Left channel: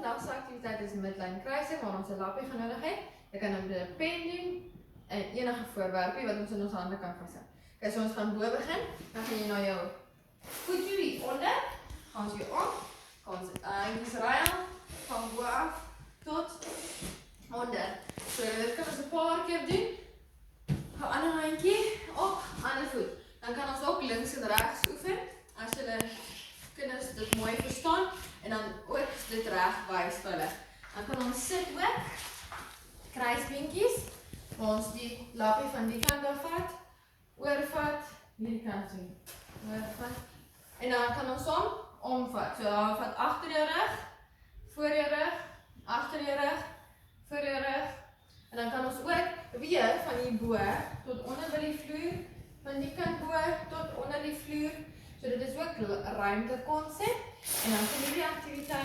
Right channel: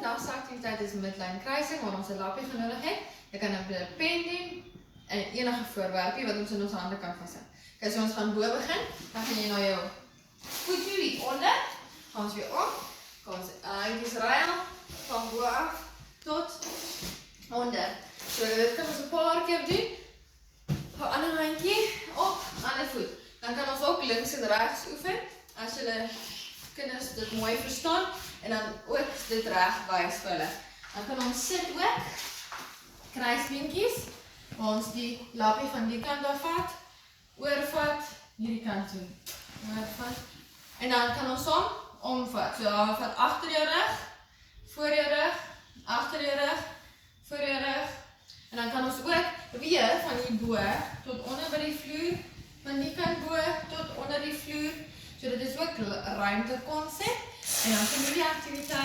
vandag se aktiwiteit is midline kruising waar ons 'n lappie genodig het. Jy kan nou met 'n pen doen en enige voorwerpie wat ons in ons hande kan vashou. Okay, so ons gaan bo begin. Dan gaan jy na jou voetjie hier onder. Gaan ons weer op. Gaan ons handjies ruil van bo af tot onder. So dit kan ons 'n paar keer doen. Hou ander handjie op, ander voet. Dan kan ons ook links en regs oefen. As julle kinders dit mooi verstaan en dan ook dit reg wys vir hulle. Dan kan ons sit ook. Kruisbeentjies. Waar ons die lappie van die kant af vat. Oorvat, hierdie kant toe. Oorvat. En dan kan ons hom omvat. So dan vat agter jou rug, voor jou rug, agter jou rug, voor jou rug. En dan kan ons ook weer van hier bo tot onder by die vloer, van die kant bo tot onder die vloer. So dit is ook ruimte konsep. En dan kan hierdie aktiwiteit